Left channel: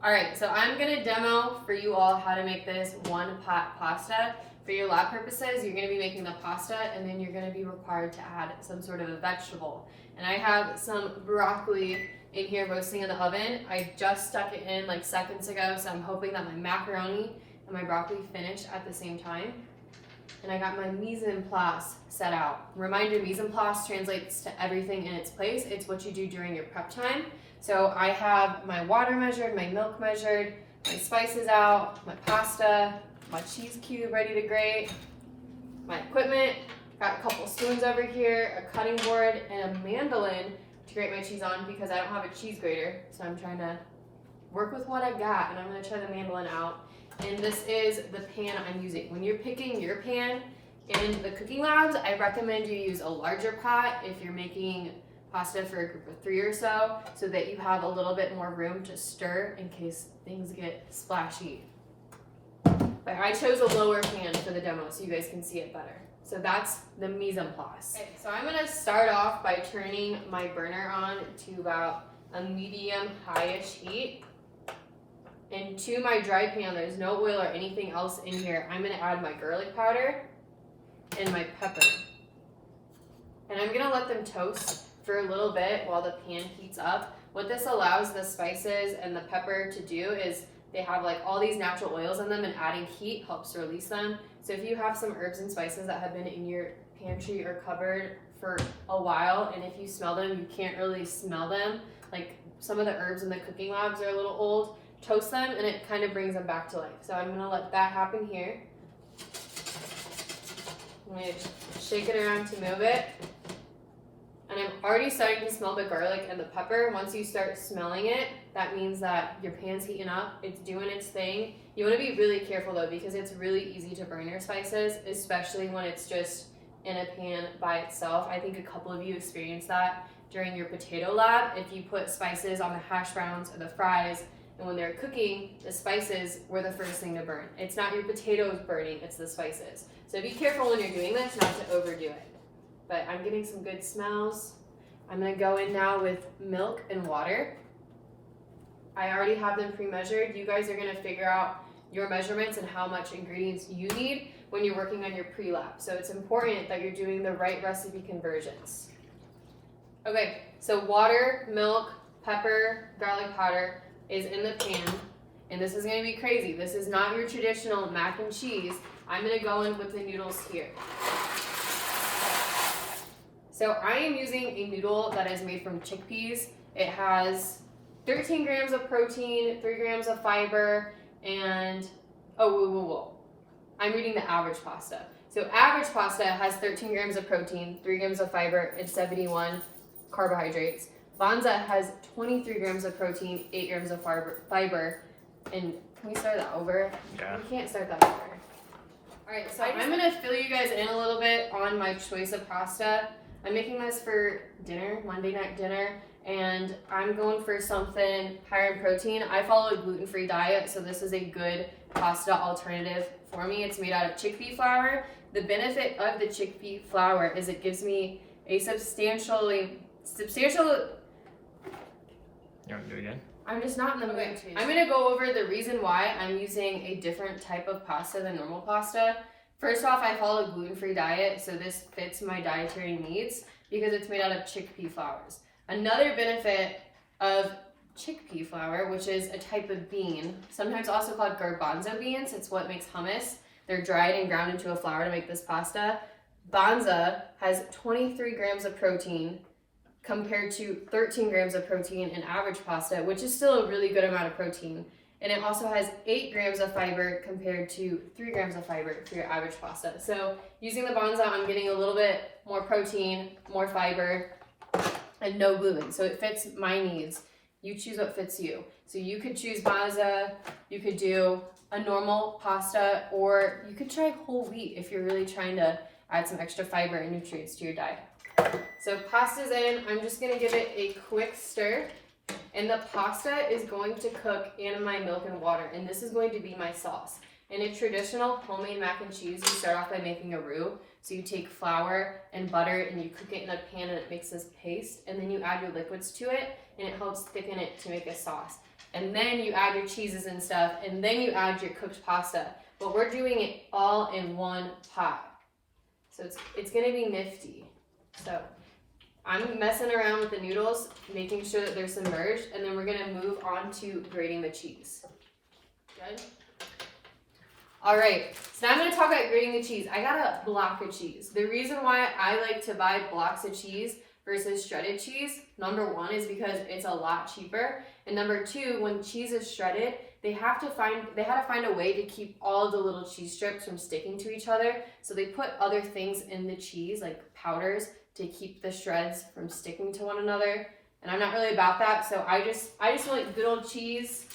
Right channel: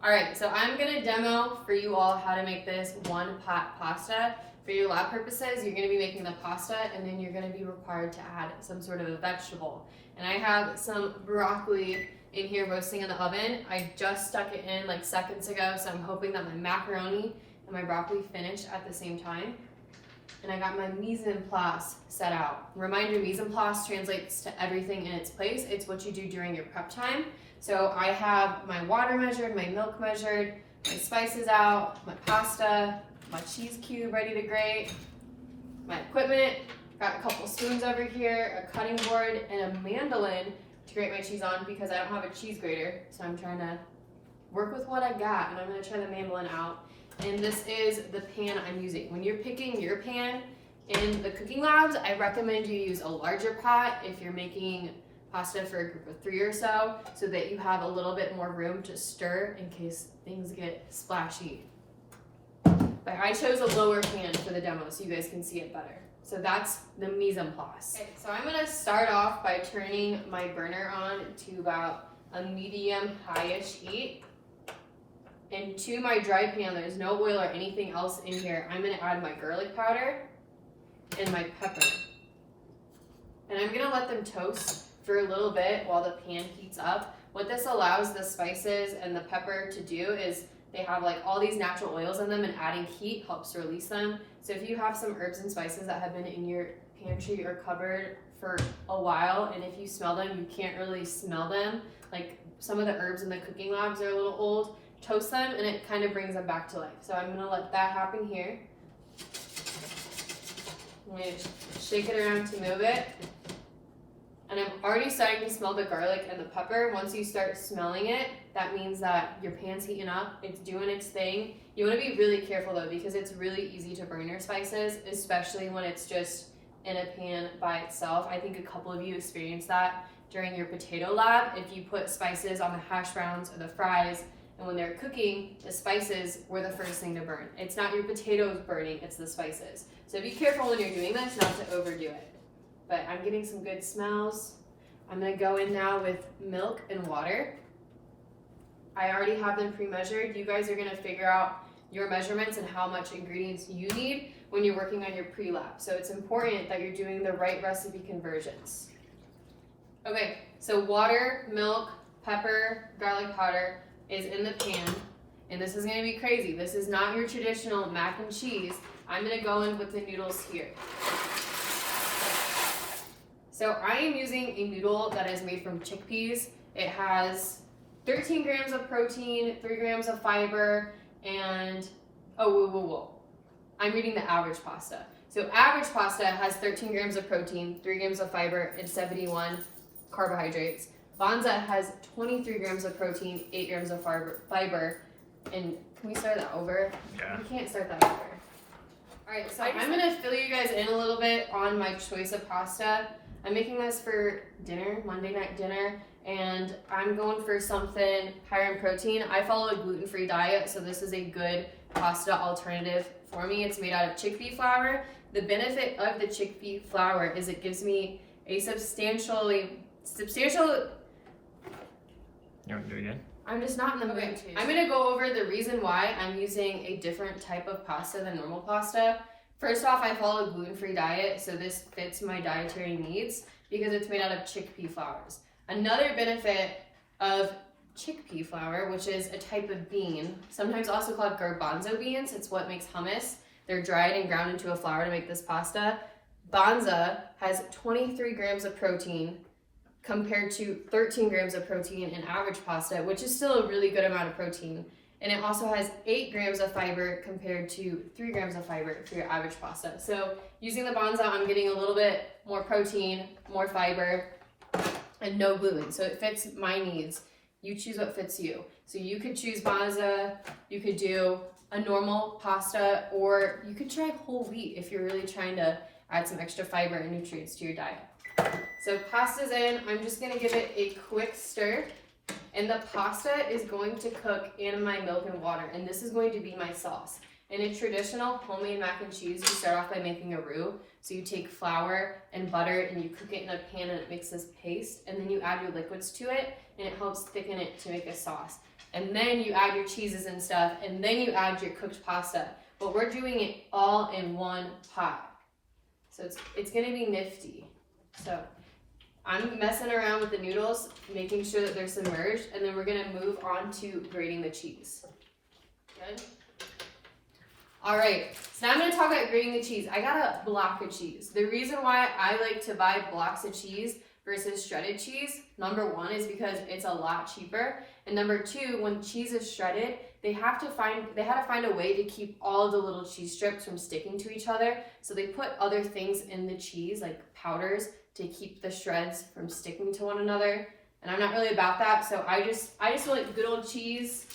All right, so I'm gonna demo for you all how to make this one pot pasta. For your lab purposes, you're gonna be making the pasta and then you're gonna be required to add some sort of a vegetable. And I have some broccoli in here roasting in the oven. I just stuck it in like seconds ago, so I'm hoping that my macaroni and my broccoli finish at the same time. And I got my mise en place set out. Reminder, mise en place translates to everything in its place. It's what you do during your prep time. So I have my water measured, my milk measured, my spices out, my pasta, my cheese cube ready to grate, my equipment, got a couple spoons over here, a cutting board, and a mandolin to grate my cheese on because I don't have a cheese grater. So I'm trying to work with what I got, and I'm gonna try the mandolin out. And this is the pan I'm using. When you're picking your pan in the cooking labs, I recommend you use a larger pot if you're making pasta for a group of 3 or so that you have a little bit more room to stir in case things get splashy. But I chose a lower pan for the demo so you guys can see it better. So that's the mise en place. Okay, so I'm gonna start off by turning my burner on to about a medium high-ish heat. And to my dry pan, there's no oil or anything else in here. I'm gonna add my garlic powder and my pepper. And I'm gonna let them toast for a little bit while the pan heats up. What this allows the spices and the pepper to do is they have like all these natural oils in them, and adding heat helps release them. So if you have some herbs and spices that have been in your pantry or cupboard for a while, and if you smell them, you can't really smell them, like some of the herbs in the cooking labs are a little old, toast them and it kind of brings them back to life. So I'm gonna let that happen here. I'm gonna shake it around to move it. And I'm already starting to smell the garlic and the pepper. Once you start smelling it, that means that your pan's heating up, it's doing its thing. You wanna be really careful though, because it's really easy to burn your spices, especially when it's just in a pan by itself. I think a couple of you experienced that during your potato lab. If you put spices on the hash browns or the fries, and when they're cooking, the spices were the first thing to burn. It's not your potatoes burning, it's the spices. So be careful when you're doing this not to overdo it. But I'm getting some good smells. I'm gonna go in now with milk and water. I already have them pre-measured. You guys are gonna figure out your measurements and how much ingredients you need when you're working on your pre-lab. So it's important that you're doing the right recipe conversions. Okay, so water, milk, pepper, garlic powder is in the pan, and this is gonna be crazy. This is not your traditional mac and cheese. I'm gonna go in with the noodles here. So I am using a noodle that is made from chickpeas. It has 13 grams of protein, 3 grams of fiber, and, I'm reading the average pasta. So average pasta has 13 grams of protein, 3 grams of fiber, and 71 carbohydrates. Banza has 23 grams of protein, 8 grams of fiber, and can we start that over? Yeah. We can't start that over. All right, so I'm gonna fill you guys in a little bit on my choice of pasta. I'm making this for dinner, Monday night dinner, and I'm going for something higher in protein. I follow a gluten-free diet, so this is a good pasta alternative for me. It's made out of chickpea flour. The benefit of the chickpea flour is it gives me a substantial. You want to do it again? I'm just not in the mood to. I'm gonna go over the reason why I'm using a different type of pasta than normal pasta. First off, I follow a gluten-free diet, so this fits my dietary needs because it's made out of chickpea flours. Another benefit of chickpea flour, which is a type of bean, sometimes also called garbanzo beans, it's what makes hummus. They're dried and ground into a flour to make this pasta. Banza has 23 grams of protein compared to 13 grams of protein in average pasta, which is still a really good amount of protein. And it also has 8 grams of fiber compared to 3 grams of fiber for your average pasta. So using the Banza, I'm getting a little bit more protein, more fiber, and no gluten. So it fits my needs. You choose what fits you. So you could choose Banza, you could do a normal pasta, or you could try whole wheat if you're really trying to add some extra fiber and nutrients to your diet. So pasta's in, I'm just gonna give it a quick stir. And the pasta is going to cook in my milk and water, and this is going to be my sauce. In a traditional homemade mac and cheese, you start off by making a roux. So you take flour and butter and you cook it in a pan and it makes this paste, and then you add your liquids to it and it helps thicken it to make a sauce. and then you add your cheeses and stuff, and then you add your cooked pasta. But we're doing it all in one pot. So it's gonna be nifty. So I'm messing around with the noodles, making sure that they're submerged, and then we're gonna move on to grating the cheese. Good? All right, so now I'm gonna talk about grating the cheese. I got a block of cheese. The reason why I like to buy blocks of cheese versus shredded cheese, number one, is because it's a lot cheaper. And number two, when cheese is shredded, they had to find a way to keep all the little cheese strips from sticking to each other. So they put other things in the cheese, like powders, to keep the shreds from sticking to one another. And I'm not really about that, so I just like good old cheese.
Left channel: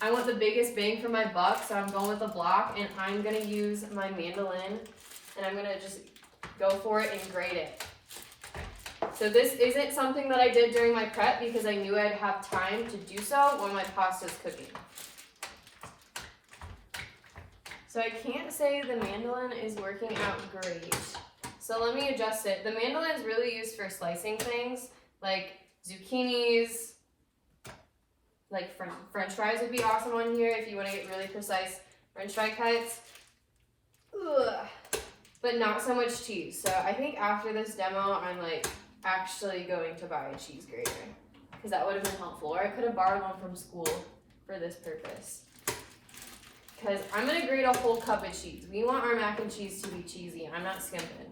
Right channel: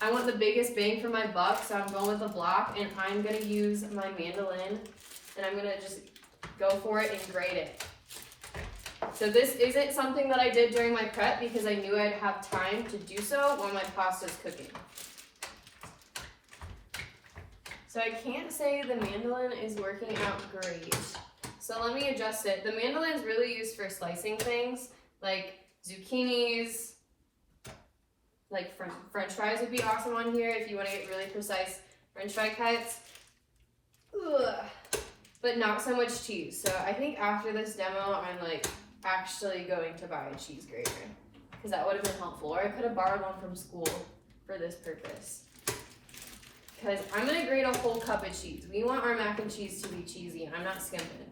I want the biggest bang for my buck, so I'm going with a block, and I'm gonna use my mandolin, and I'm gonna just go for it and grate it. So this isn't something that I did during my prep because I knew I'd have time to do so while my pasta's cooking. So I can't say the mandolin is working out great. So let me adjust it. The mandolin is really used for slicing things like zucchinis, like French fries would be awesome on here if you want to get really precise French fry cuts. Ugh. But not so much cheese. So I think after this demo, I'm like actually going to buy a cheese grater because that would have been helpful. Or I could have borrowed one from school for this purpose. Because I'm gonna grate a whole cup of cheese. We want our mac and cheese to be cheesy. I'm not skimping.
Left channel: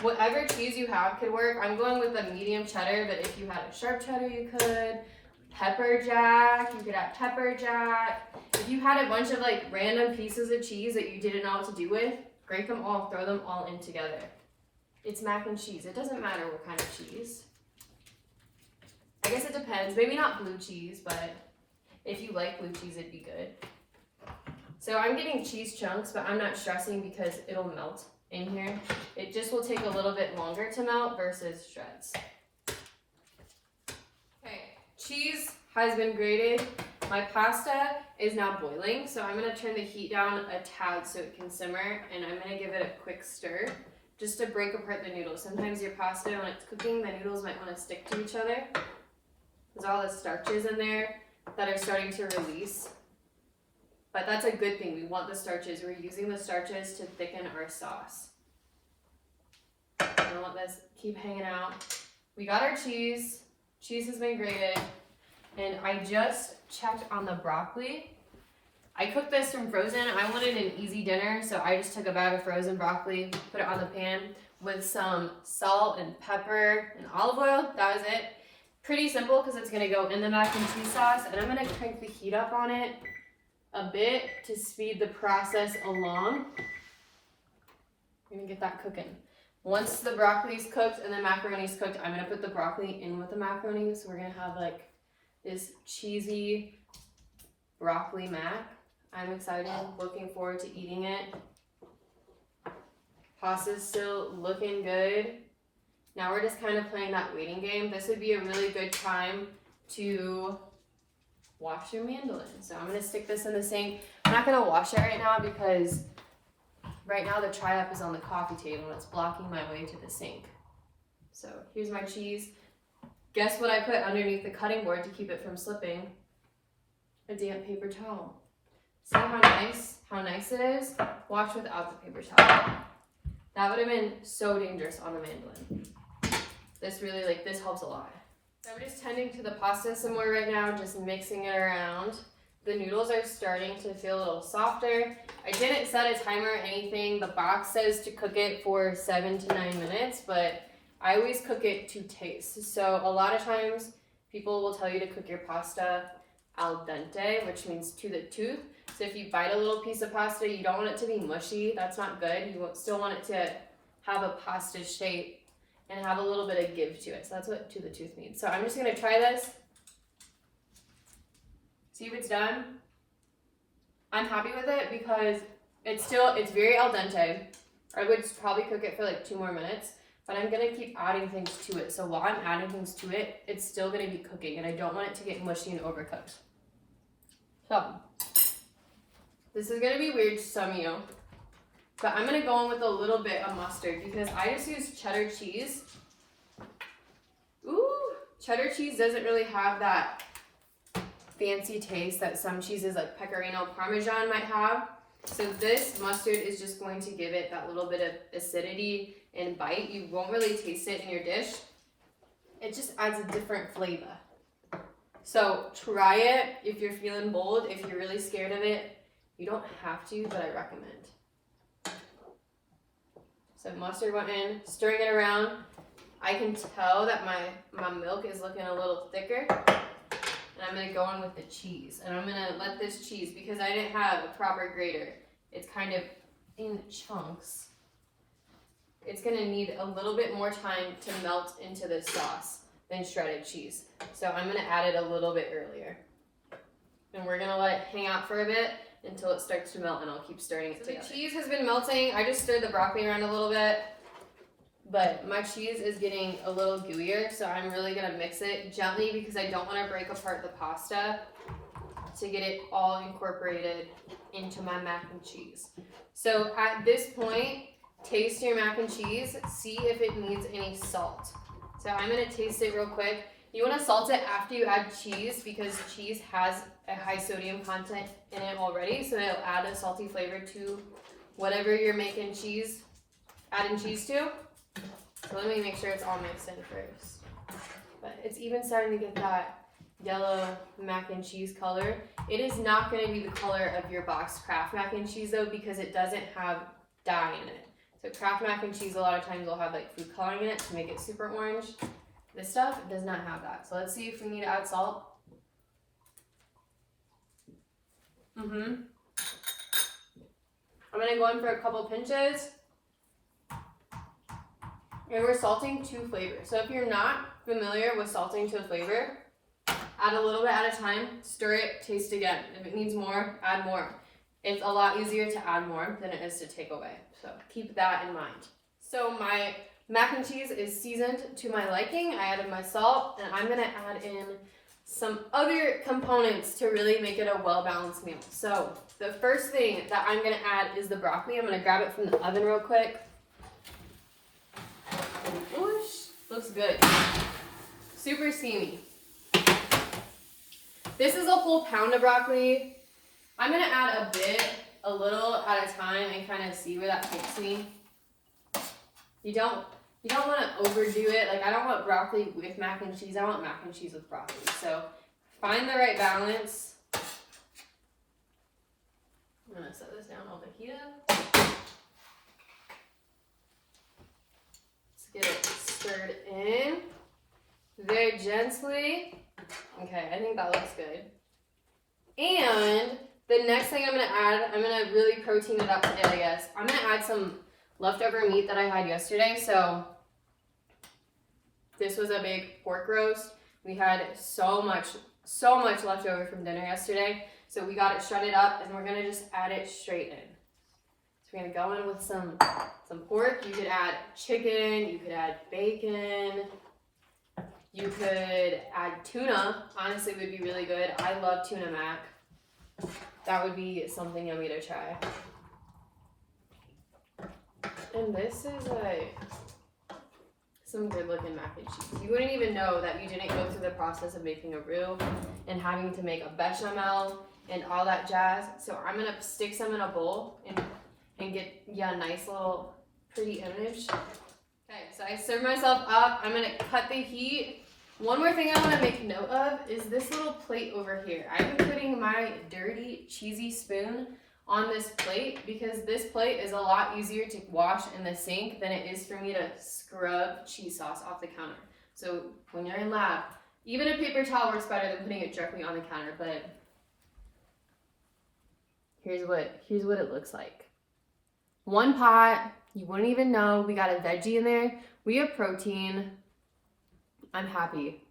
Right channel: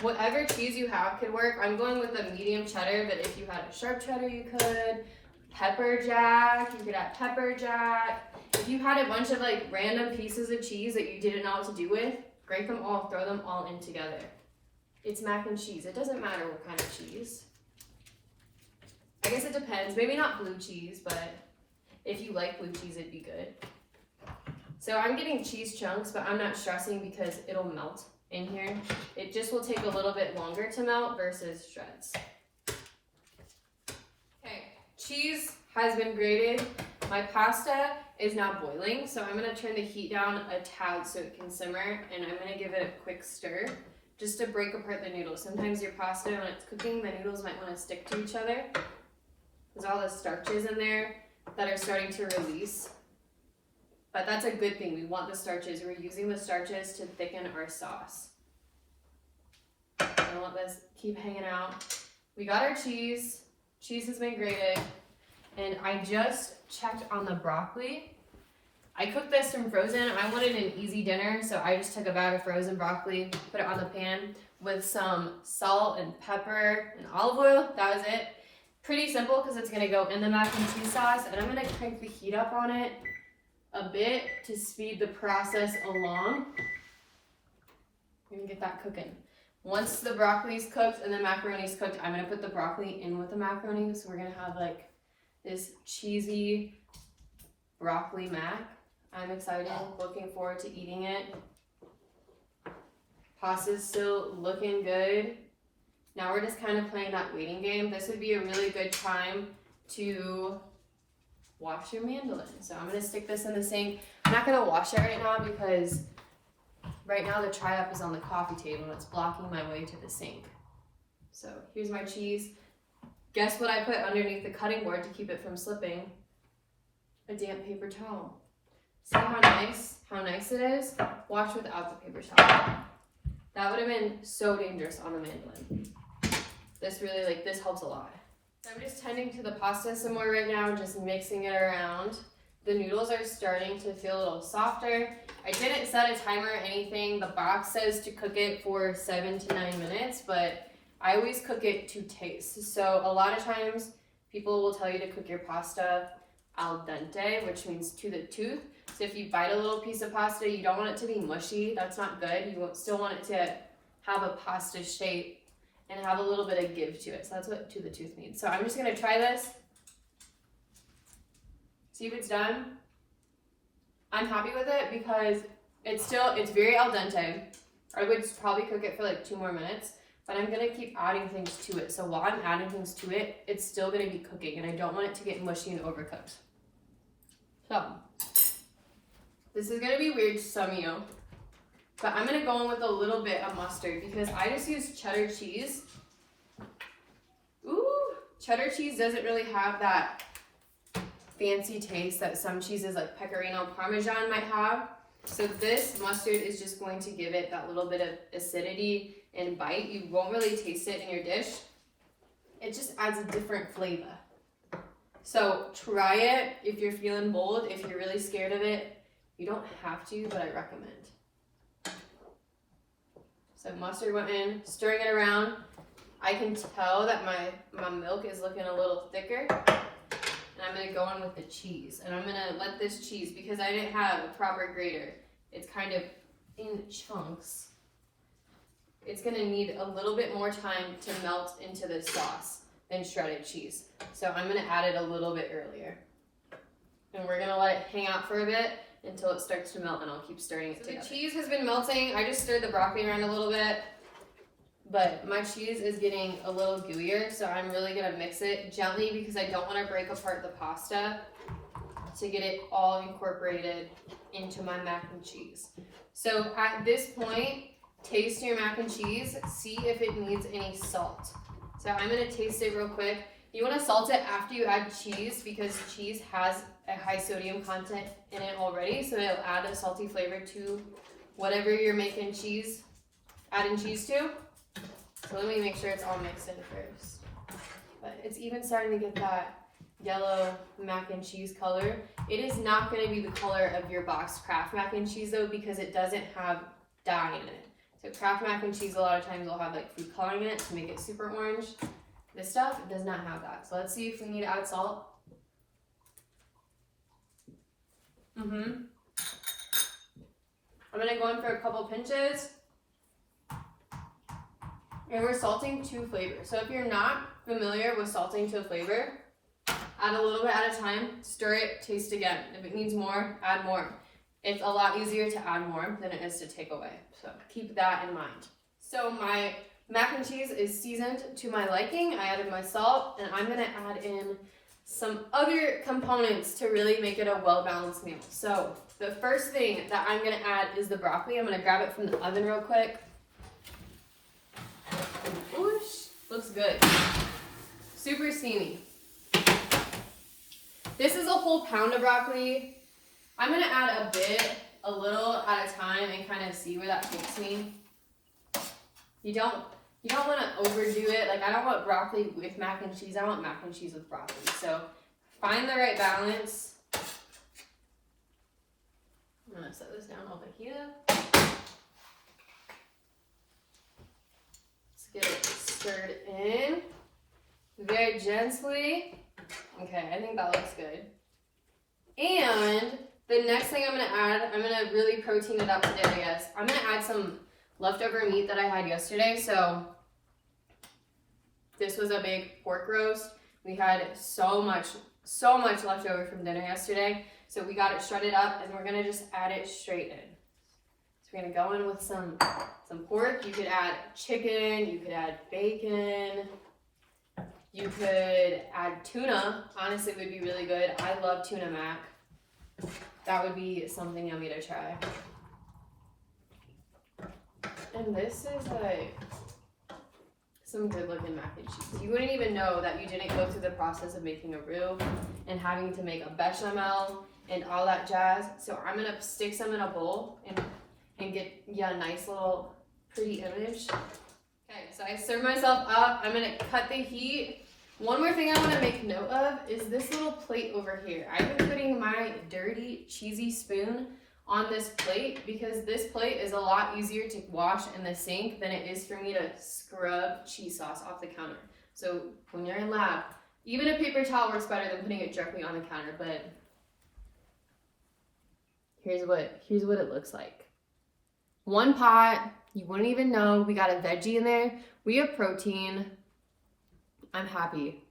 Whatever cheese you have could work. I'm going with a medium cheddar, but if you had a sharp cheddar, you could. Pepper jack, you could add pepper jack. If you had a bunch of like random pieces of cheese that you didn't know what to do with, grate them all, throw them all in together. It's mac and cheese. It doesn't matter what kind of cheese. I guess it depends. Maybe not blue cheese, but if you like blue cheese, it'd be good. So I'm getting cheese chunks, but I'm not stressing because it'll melt in here. It just will take a little bit longer to melt versus shreds. Okay, cheese has been grated. My pasta is now boiling, so I'm gonna turn the heat down a tad so it can simmer, and I'm gonna give it a quick stir just to break apart the noodles. Sometimes your pasta, when it's cooking, the noodles might wanna stick to each other. There's all the starches in there that are starting to release. But that's a good thing. We want the starches. We're using the starches to thicken our sauce. Don't let this keep hanging out. We got our cheese. Cheese has been grated. And I just checked on the broccoli. I cooked this from frozen. I wanted an easy dinner, so I just took a bag of frozen broccoli, put it on the pan with some salt and pepper and olive oil. That was it. Pretty simple because it's going to go in the mac and cheese sauce. And I'm going to crank the heat up on it a bit to speed the process along. I'm gonna get that cooking. Once the broccoli's cooked and the macaroni's cooked, I'm gonna put the broccoli in with the macaroni. So we're gonna have like this cheesy broccoli mac. I'm excited, looking forward to eating it. Pasta's still looking good. Now we're just kind of playing that waiting game. This would be a really good time to wash your mandolin. So I'm gonna stick this in the sink. I'm not gonna wash it right now because right now the tri-up is on the coffee table and it's blocking my way to the sink. So here's my cheese. Guess what I put underneath the cutting board to keep it from slipping? A damp paper towel. See how nice it is? Wash without the paper towel. That would have been so dangerous on the mandolin. This helps a lot. I'm just tending to the pasta some more right now, just mixing it around. The noodles are starting to feel a little softer. I didn't set a timer or anything. The box says to cook it for 7 to 9 minutes, but I always cook it to taste. So a lot of times people will tell you to cook your pasta al dente, which means to the tooth. So if you bite a little piece of pasta, you don't want it to be mushy. That's not good. You still want it to have a pasta shape and have a little bit of give to it. So that's what to the tooth means. So I'm just gonna try this. See if it's done. I'm happy with it because it's very al dente. I would probably cook it for like 2 more minutes, but I'm gonna keep adding things to it. So while I'm adding things to it, it's still gonna be cooking and I don't want it to get mushy and overcooked. So, this is gonna be weird to some of you, but I'm gonna go in with a little bit of mustard because I just used cheddar cheese. Ooh, cheddar cheese doesn't really have that fancy taste that some cheeses like pecorino parmesan might have. So this mustard is just going to give it that little bit of acidity and bite. You won't really taste it in your dish. It just adds a different flavor. So try it if you're feeling bold. If you're really scared of it, you don't have to, but I recommend. So mustard went in, stirring it around. I can tell that my milk is looking a little thicker. And I'm gonna go in with the cheese. And I'm gonna let this cheese, because I didn't have a proper grater, it's kind of in chunks. It's gonna need a little bit more time to melt into this sauce than shredded cheese. So I'm gonna add it a little bit earlier. And we're gonna let it hang out for a bit until it starts to melt, and I'll keep stirring it together. The cheese has been melting. I just stirred the broccoli around a little bit, but my cheese is getting a little gooier, so I'm really gonna mix it gently because I don't wanna break apart the pasta to get it all incorporated into my mac and cheese. So at this point, taste your mac and cheese, see if it needs any salt. So I'm gonna taste it real quick. You wanna salt it after you add cheese because cheese has a high sodium content in it already, so it'll add a salty flavor to whatever you're making cheese, adding cheese to. So let me make sure it's all mixed in first. But it's even starting to get that yellow mac and cheese color. It is not gonna be the color of your boxed Kraft mac and cheese though, because it doesn't have dye in it. So Kraft mac and cheese a lot of times will have like food coloring in it to make it super orange. This stuff does not have that. So let's see if we need to add salt. I'm gonna go in for a couple pinches. And we're salting to flavor. So if you're not familiar with salting to flavor, add a little bit at a time, stir it, taste again. If it needs more, add more. It's a lot easier to add more than it is to take away. So keep that in mind. So my mac and cheese is seasoned to my liking. I added my salt, and I'm gonna add in some other components to really make it a well-balanced meal. So the first thing that I'm gonna add is the broccoli. I'm gonna grab it from the oven real quick. Whoosh, looks good. Super steamy. This is a whole pound of broccoli. I'm gonna add a little at a time and kind of see where that takes me. You don't want to overdo it. Like, I don't want broccoli with mac and cheese. I want mac and cheese with broccoli. So find the right balance. I'm gonna set this down over here. Let's get it stirred in very gently. Okay, I think that looks good. And the next thing I'm gonna add, I'm gonna really protein it up today, I guess. I'm gonna add some leftover meat that I had yesterday. So this was a big pork roast. We had so much left over from dinner yesterday. So we got it shredded up, and we're gonna just add it straight in. So we're gonna go in with some pork. You could add chicken, you could add bacon, you could add tuna. Honestly, it would be really good. I love tuna mac. That would be something yummy to try. And this is like some good looking mac and cheese. You wouldn't even know that you didn't go through the process of making a roux and having to make a bechamel and all that jazz. So I'm gonna stick some in a bowl and get a nice little pretty image. Okay, so I serve myself up. I'm gonna cut the heat. One more thing I want to make note of is this little plate over here. I've been putting my dirty, cheesy spoon on this plate because this plate is a lot easier to wash in the sink than it is for me to scrub cheese sauce off the counter. So when you're in lab, even a paper towel works better than putting it directly on the counter, but here's what it looks like. One pot, you wouldn't even know. We got a veggie in there. We have protein. I'm happy.